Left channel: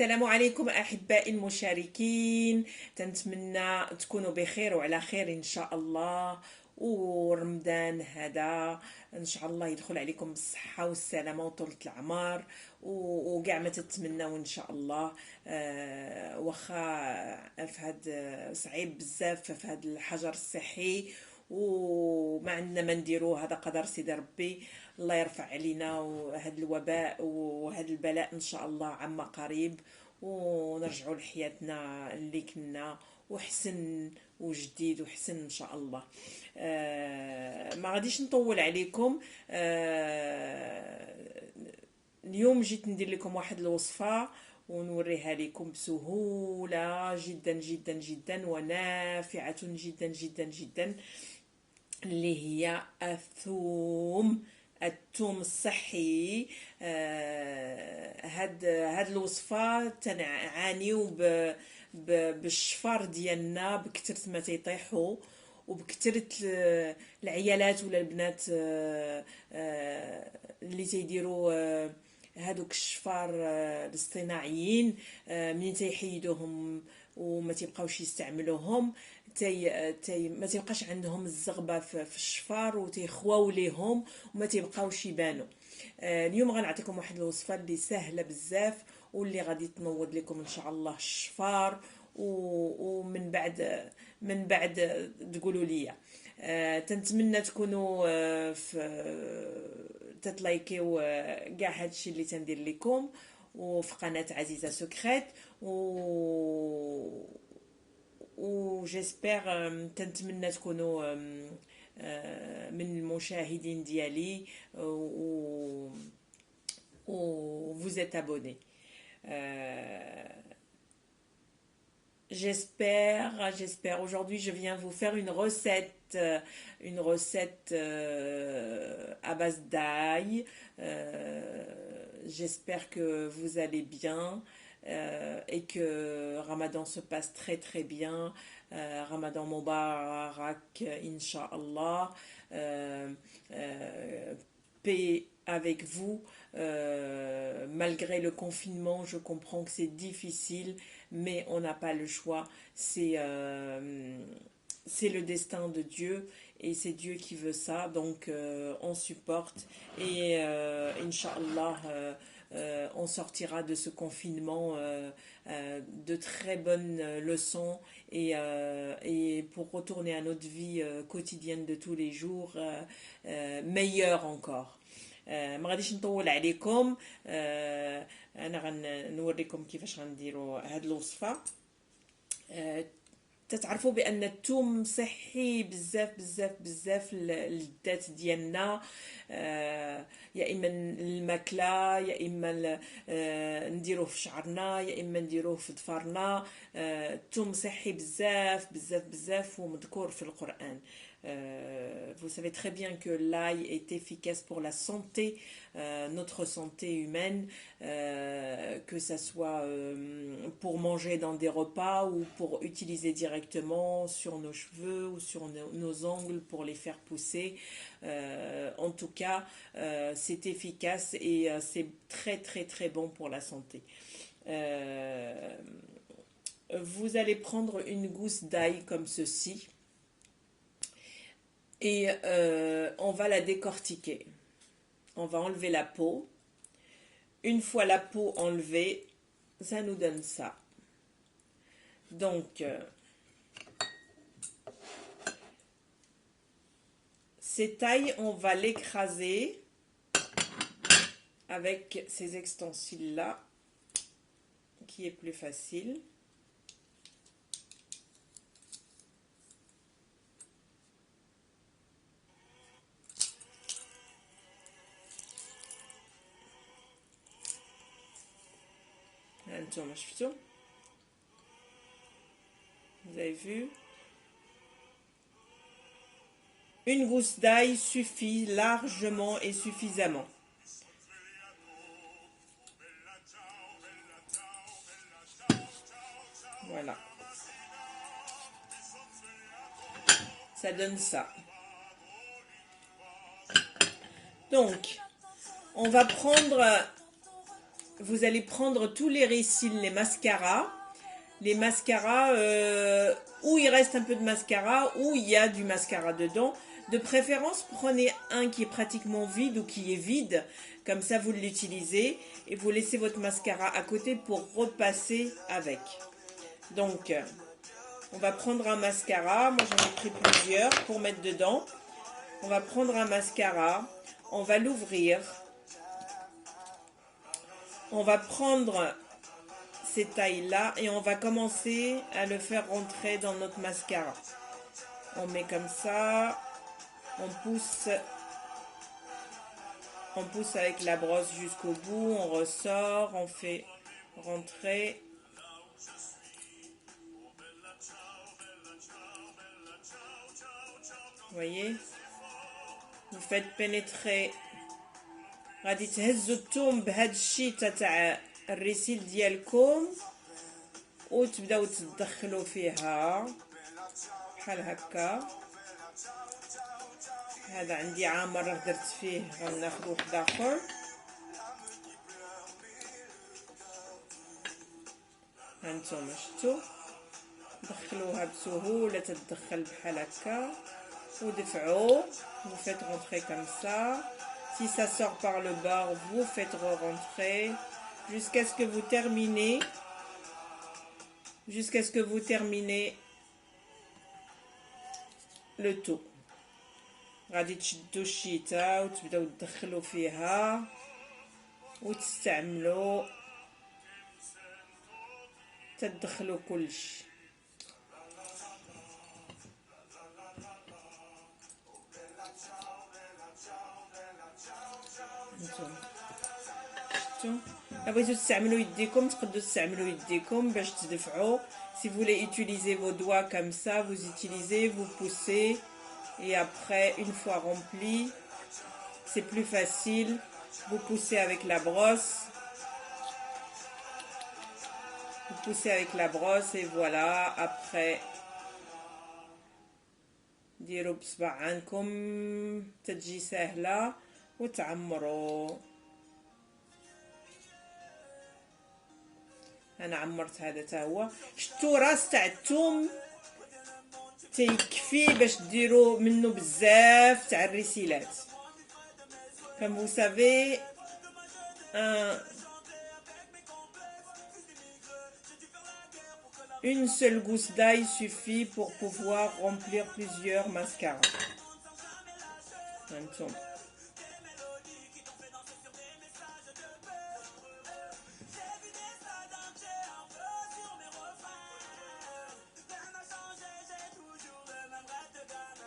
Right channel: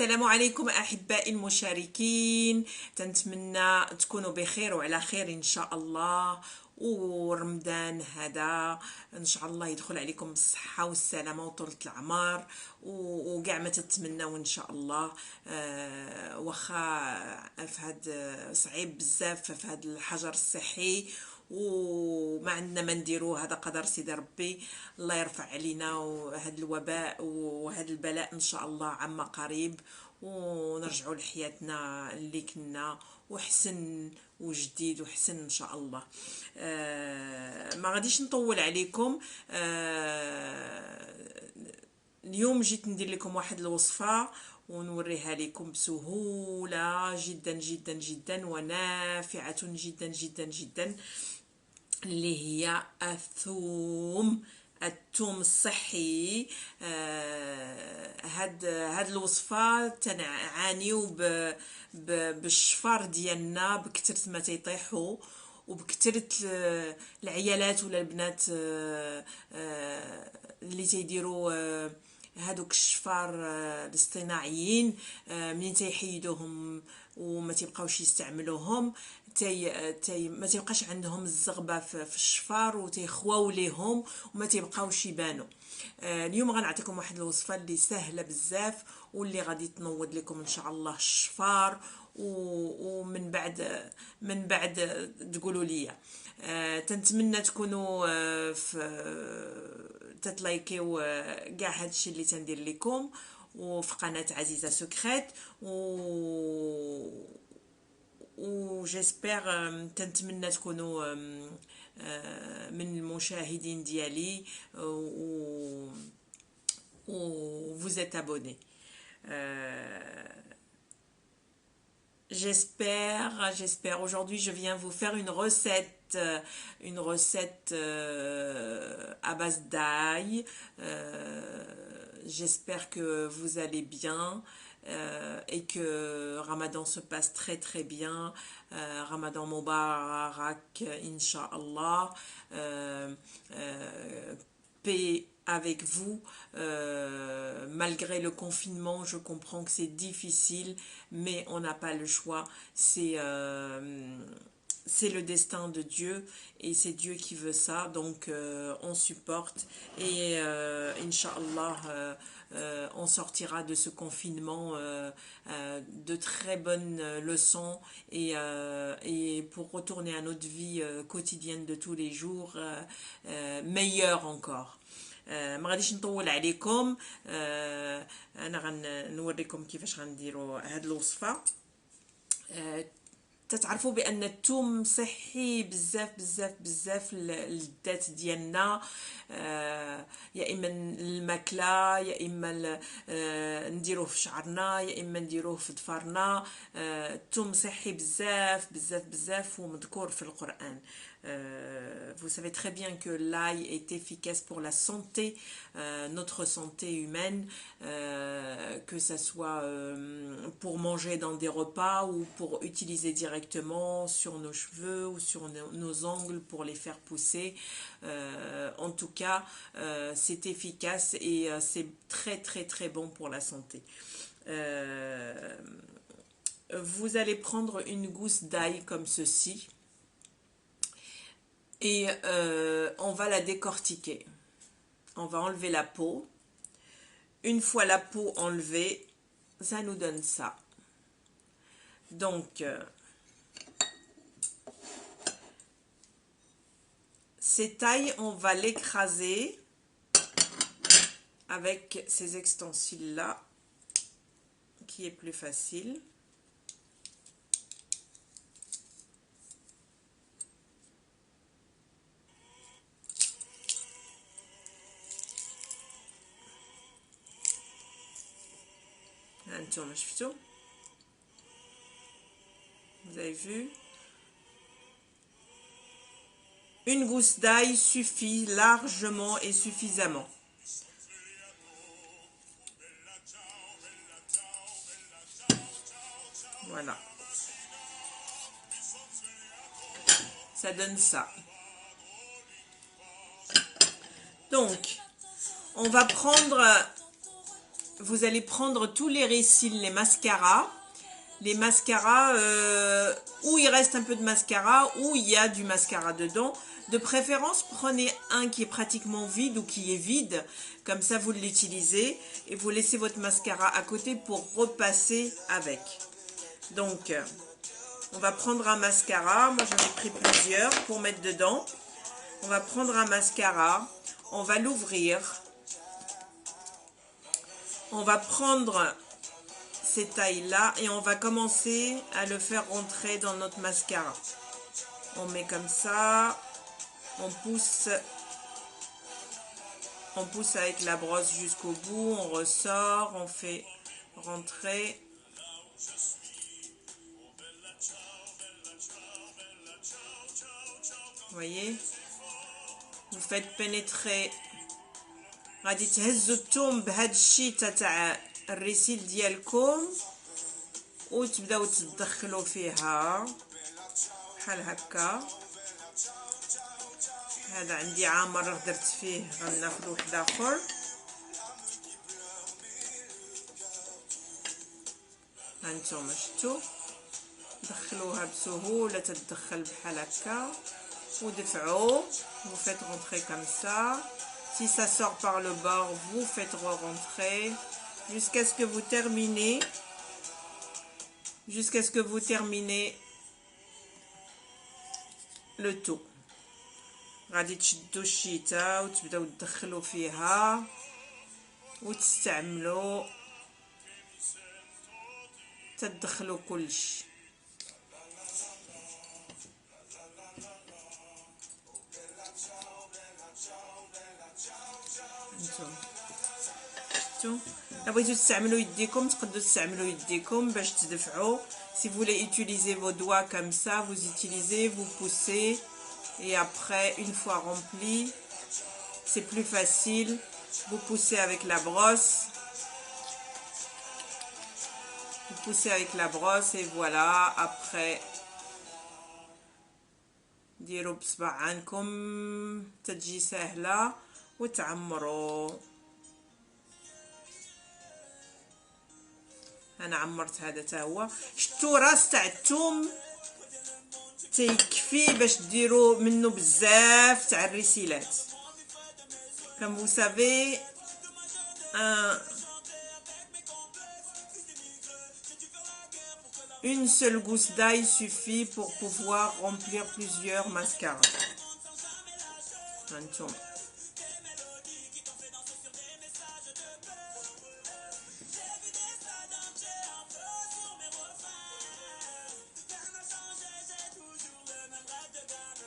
السلام عليكم أحبائي المشاركين. تنتمنى تكونوا بخير وعلى خير إن شاء الله. ورمضان هذا إن شاء الله يدخل عليكم بالصحة والسلامة وطولة العمر وكاع ما تتمنوا إن شاء الله. واخا في هاد صعيب بزاف في هاد الحجر الصحي وما عندنا ما نديرو، هذا قدر سيدي ربي. الله يرفع علينا وهذا الوباء وهذا البلاء ان شاء الله عما قريب، ونرجعوا لحياتنا اللي كنا وحسن وجديد وحسن ان شاء الله. ما غاديش نطول عليكم. اليوم جيت ندير لكم واحد الوصفة ونوريها لكم بسهولة جدا جدا جدا ونافعة جدا جدا جدا، اللي هي الثوم الصحي. هاد الوصفة تنعانيو بالشفار ديالنا بكثرة ما تيطيحوا وبكثرة العيالات ولا البنات اللي تيديروا هادوك الشفار الاصطناعيين. منين تيحيدوهم وما تيبقاوش يستعملوهم ما تيبقاش عندهم الزغبه في الشفار وتيخواو ليهم وما تيبقاوش يبانوا. اليوم غنعطيكم واحد الوصفه اللي سهله بزاف واللي غادي تنوض لكم ان شاء الله الشفار، ومن بعد تقولوا لي. تنتمنى تكونوا تتلايكيو كاع هادشي اللي تندير لكم وفي قناه عزيزه سكريت جيسبر. تنتمنى تكونوا من المشاهدين ديالي vous êtes abonné. J'espère. Aujourd'hui, je viens vous faire une recette à base d'ail. J'espère que vous allez bien et que Ramadan se passe très très bien. Ramadan Mubarak, Inch'Allah. Paix avec vous. Malgré le confinement, je comprends que c'est difficile, mais on n'a pas le choix. C'est le destin de Dieu et c'est Dieu qui veut ça, donc on supporte et Inch'Allah on sortira de ce confinement de très bonnes leçons et pour retourner à notre vie quotidienne de tous les jours meilleure encore. ما غاديش نطول عليكم. انا غنوريكم كيفاش غنديروا هاد الوصفه. تتعرفوا بان الثوم صحي بزاف بزاف بزاف للذات ديالنا، يا اما الماكله يا اما نديروه في شعرنا يا اما نديروه في ظفرنا. الثوم صحي بزاف بزاف بزاف ومذكور في القرآن. Vous savez très bien que l'ail est efficace pour la santé, notre santé humaine, que ça soit pour manger dans des repas ou pour utiliser directement sur nos cheveux ou sur nos ongles pour les faire pousser. En tout cas, c'est efficace et c'est très très très bon pour la santé. Vous allez prendre une gousse d'ail comme ceci. Et on va la décortiquer. On va enlever la peau. Une fois la peau enlevée, ça nous donne ça. Donc, cette ail, on va l'écraser avec ces extensiles-là, qui est plus facile. Vous avez vu, une gousse d'ail suffit largement et suffisamment. Voilà, ça donne ça. Donc on va prendre vous allez prendre tous les récils, les mascaras, où il reste un peu de mascara, où il y a du mascara dedans. De préférence, prenez un qui est pratiquement vide ou qui est vide. Comme ça, vous l'utilisez et vous laissez votre mascara à côté pour repasser avec. Donc, on va prendre un mascara. Moi, j'en ai pris plusieurs pour mettre dedans. On va prendre un mascara. On va l'ouvrir. On va prendre ces tailles-là et on va commencer à le faire rentrer dans notre mascara. On met comme ça. On pousse avec la brosse jusqu'au bout, on ressort, on fait rentrer. Vous voyez? Vous faites pénétrer. غادي تهزوا الثوم بهذا الشيء تاع الريسيل ديالكم وتبداو تدخلوا فيها بحال هكا. هذا عندي عامر درت فيه، غناخذ واحد اخر. هانتوما شفتوا دخلوها بسهوله، تدخل بحال هكا ودفعوا. vous faites rentrer comme ça. Si ça sort par le bord, vous faites re-rentrer jusqu'à ce que vous terminez le tout. غادي تشدوا الشيته وتبداو تدخلوا فيها وتستعملوا، تدخلوا كلشي. شفتوا؟ بغيتو تستعملوا يديكم تقدروا تستعملوا يديكم باش تدفعوا. Si vous voulez utiliser vos doigts comme ça, vous utilisez, vous poussez. Et après, une fois rempli, c'est plus facile. Vous poussez avec la brosse. Vous poussez avec la brosse et voilà. Après, ديروا بصبع عنكم تجي سهلة وتعمروا. أنا عمرت هذا تا هو. شتو راس تاع الثوم تيكفي باش ديروا منه بزاف تاع الريسيلات. Comme vous savez, une seule gousse d'ail suffit pour pouvoir remplir plusieurs mascaras.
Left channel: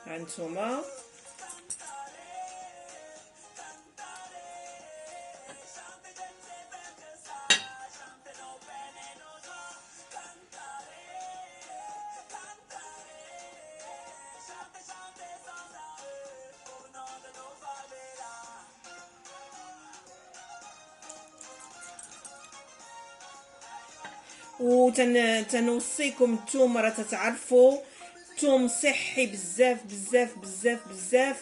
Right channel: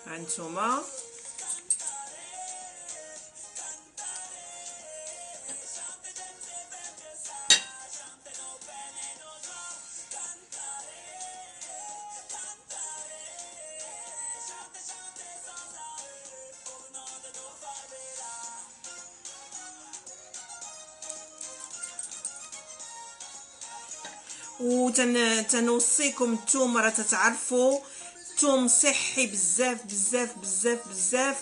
هانتوما وتنوصيكم الثوم راه تتعرفوا الثوم صحي بزاف بزاف بزاف بزاف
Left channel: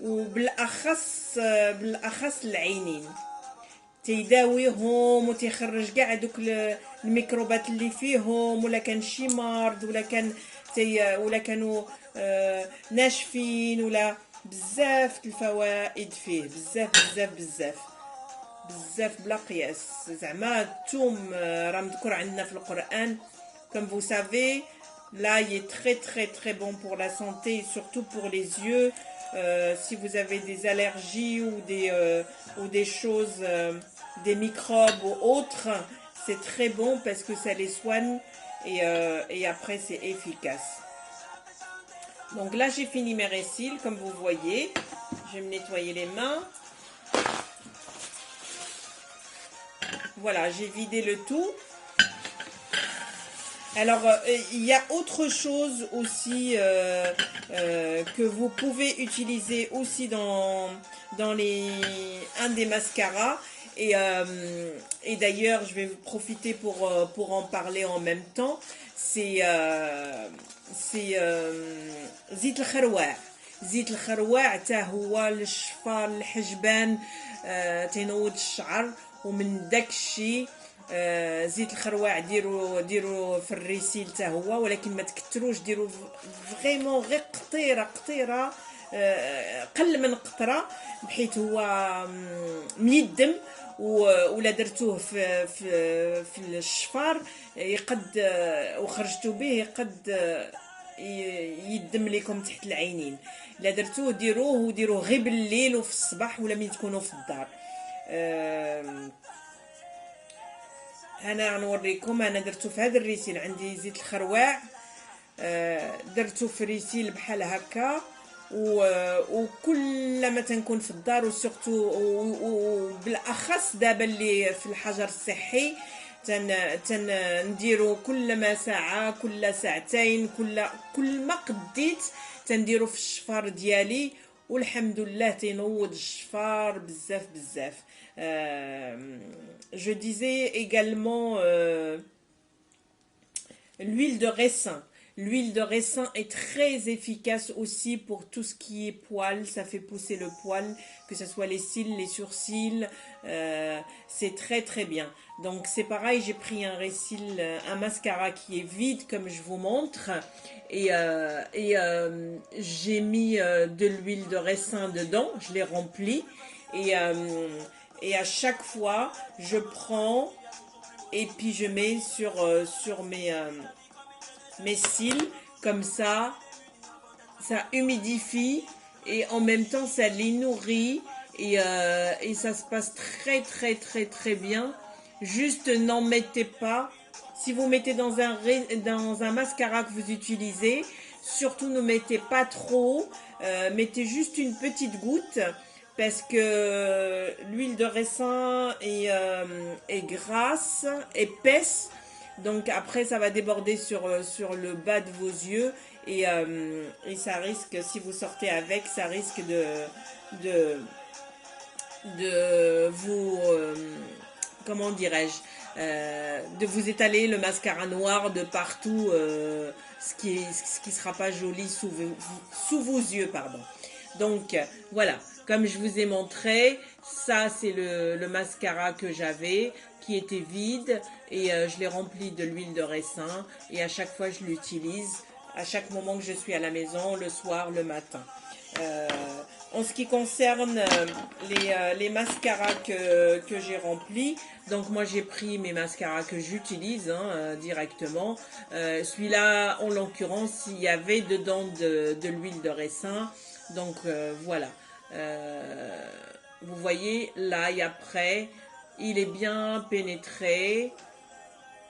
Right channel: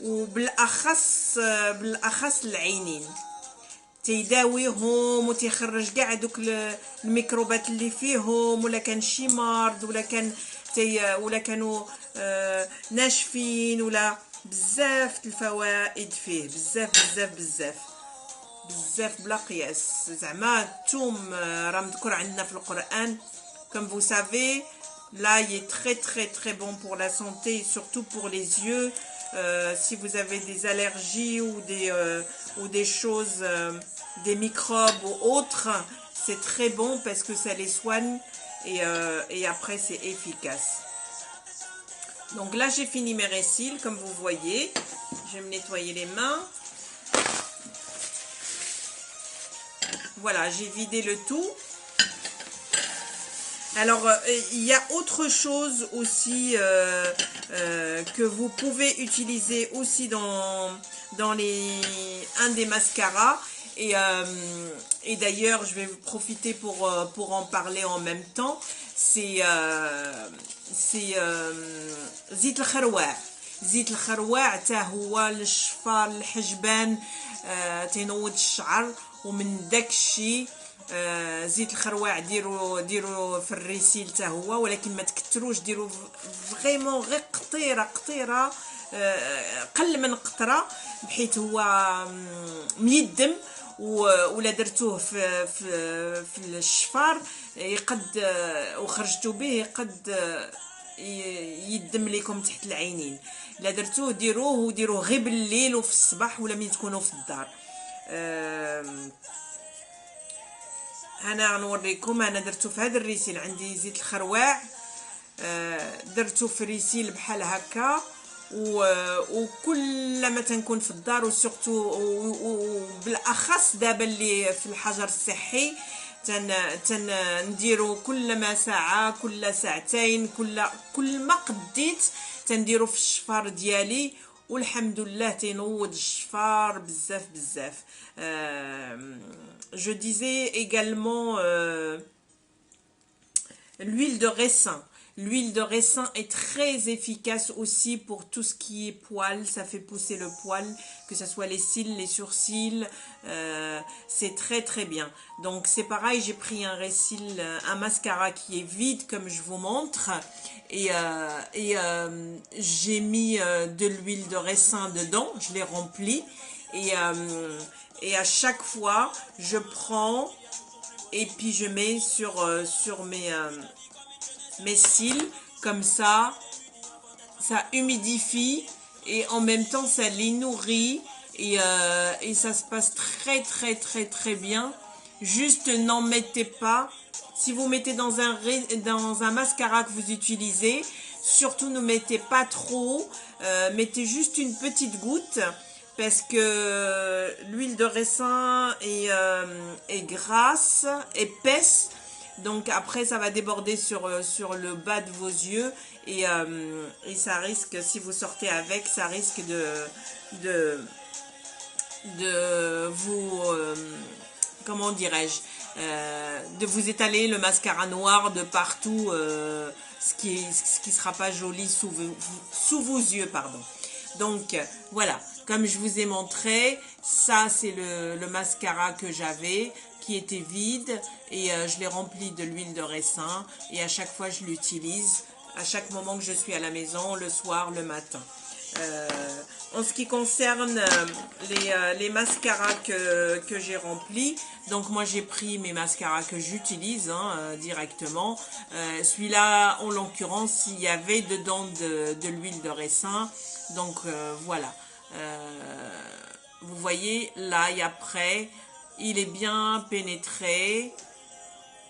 وبالاخص العينين تيداويهم وتيخرج كاع دوك الميكروبات اللي فيهم، ولا كان شي مرض ولا كانوا ناشفين، ولا بزاف الفوائد فيه بزاف بزاف بزاف بزاف بلا قياس. زعما الثوم راه مذكور عندنا في القرآن. Comme vous savez, l'ail est très très très bon pour la santé, surtout pour les yeux. Si vous avez des allergies ou des choses, des microbes ou autres, c'est très bon parce que ça les soigne et après c'est efficace. Donc là j'ai fini mes récils, comme vous voyez. Je vais me nettoyer les mains. Voilà, j'ai vidé le tout. Alors, il y a autre chose aussi que vous pouvez utiliser aussi dans un des mascaras. Et d'ailleurs, je vais profiter pour en parler en même temps. C'est Zit al-Kharwa. زيت الخروع حتى هو للشفار الحجبان، تينوض الشعر. ومن داك الشيء زيت الخروع ديروا في الريسيل حتى هو، ولكن ما تكتروش، ديروا فريمون غير قطيره قل من قطره، بحيث هو ميدم. ولا درتوه في الشفار يقد وخرجتوا به يقد يدم لكم تحت العينين. لا درتوه ديروه غير بالليل وفي الصباح ولا ملي تكونوا في الدار. انا نوريكم. انا درتو في هذا الريسيل، عندي زيت الخروع، درتو في ريسيل بحال هكا. وكل ما تنكون في الدار وسورتو وبالاخص دابا اللي في الحجر الصحي نديرو كل ما ساعه، كل ساعتين، كل ما قديت تنديرو في الشفار ديالي، والحمد لله تينوض الشفار بزاف. Je disais également l'huile de raisin. L'huile de raisin est très efficace aussi pour tout ce qui est poils. Ça fait pousser le poil, que ce soit les cils, les sourcils. C'est très bien. Donc c'est pareil, j'ai pris un mascara qui est vide comme je vous montre. Et j'ai mis de l'huile de raisin dedans. Je l'ai rempli. Et à chaque fois, je prends et puis je mets sur mes cils, comme ça humidifie et en même temps ça les nourrit et ça se passe très bien. Juste n'en mettez pas. Si vous mettez dans un mascara que vous utilisez, surtout ne mettez pas trop, mettez juste une petite goutte, parce que l'huile de raisin est grasse, épaisse. Donc après ça va déborder sur le bas de vos yeux et ça risque, si vous sortez avec, ça risque de vous comment dirais-je, de vous étaler le mascara noir de partout, ce qui sera pas joli sous vos yeux, pardon. Donc voilà, comme je vous ai montré, ça c'est le mascara que j'avais, qui était vide, et je l'ai rempli de l'huile de raisin, et à chaque fois je l'utilise, à chaque moment que je suis à la maison, le soir, le matin. En ce qui concerne les mascaras que j'ai remplis, donc moi j'ai pris mes mascaras que j'utilise directement. Celui-là, en l'occurrence, il y avait dedans de l'huile de raisin, donc voilà. Vous voyez, là et après, il est bien pénétré,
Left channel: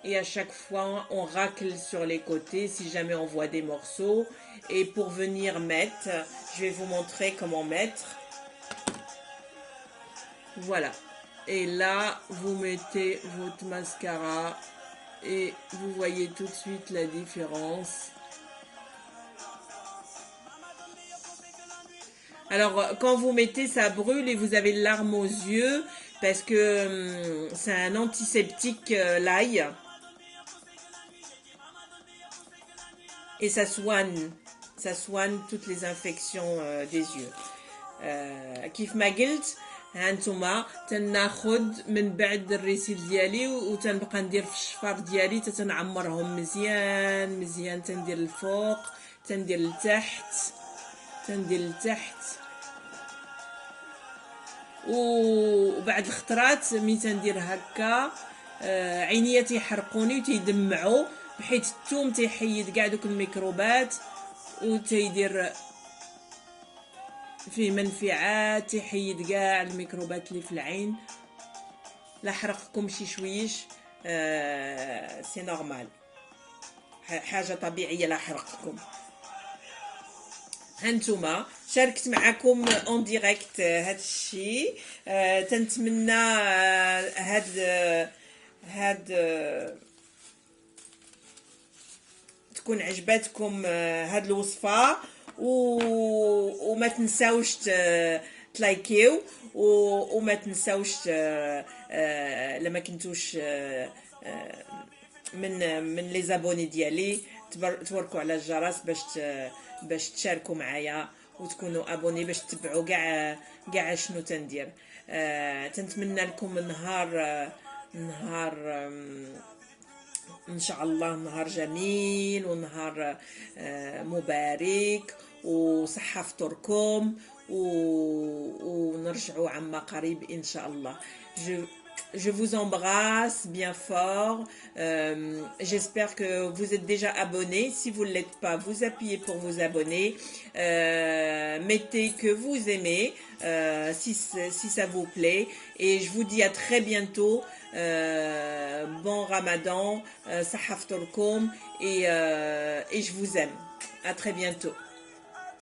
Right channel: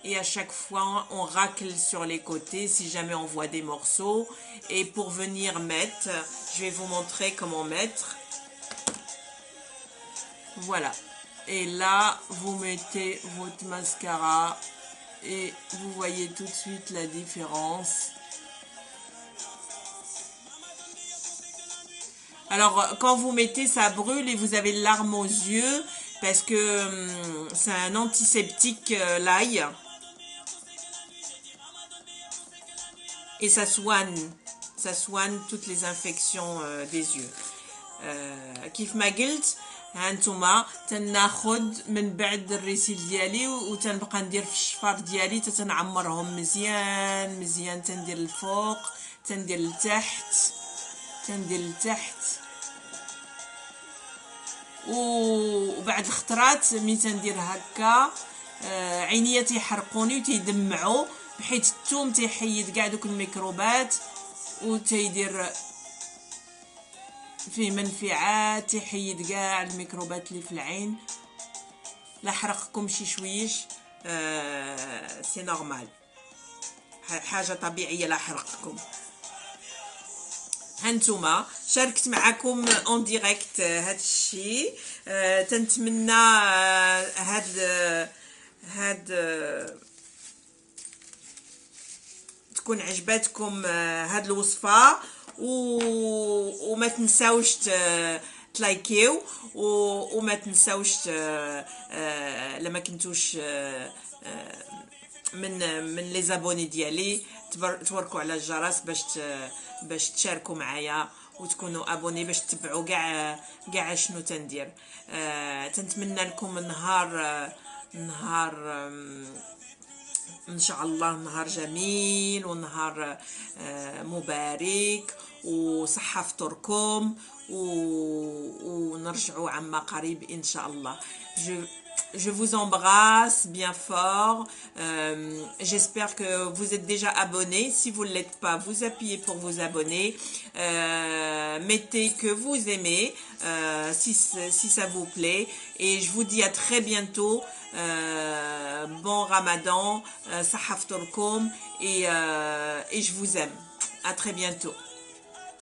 et à chaque fois on racle sur les côtés si jamais on voit des morceaux. Et pour venir mettre, je vais vous montrer comment mettre. Voilà, et là vous mettez votre mascara et vous voyez tout de suite la différence. Alors quand vous mettez, ça brûle et vous avez les larmes aux yeux, parce que c'est un antiseptique, l'ail, et ça soigne toutes les infections des yeux. كيف ما قلت، هانتوما تناخد من بعد الريسيل ديالي وتنبقى ندير في الشفار ديالي، تنعمرهم مزيان، تندير الفوق، تندير لتحت، وبعد الخطرات ملي تندير هكا عينيا تيحرقوني وتيدمعوا، بحيث الثوم تيحيد كاع دوك الميكروبات وتيدير فيه منفعات، تيحيد كاع الميكروبات اللي في العين. لا حرقكم شي شويش، سي نورمال، حاجه طبيعيه لا حرقكم. هانتوما شاركت معكم اون ديريكت هاد الشيء. تنتمنى هاد تكون عجبتكم هاد الوصفه، وما تنساوش تلايكيو، وما تنساوش لما كنتوش من لي زابوني ديالي توركوا على الجرس باش تشاركوا معايا وتكونوا ابوني باش تتبعوا كاع شنو تندير. تنتمنى لكم نهار ان شاء الله نهار جميل ونهار مبارك، وصحة فطوركم، ونرجعوا عما قريب ان شاء الله. Je vous embrasse bien fort. J'espère que vous êtes déjà abonnés. Si vous ne l'êtes pas, vous appuyez pour vous abonner. Mettez que vous aimez, si ça vous plaît. Et je vous dis à très bientôt. Bon Ramadan, Sahaf Torkom, et je vous aime. À très bientôt.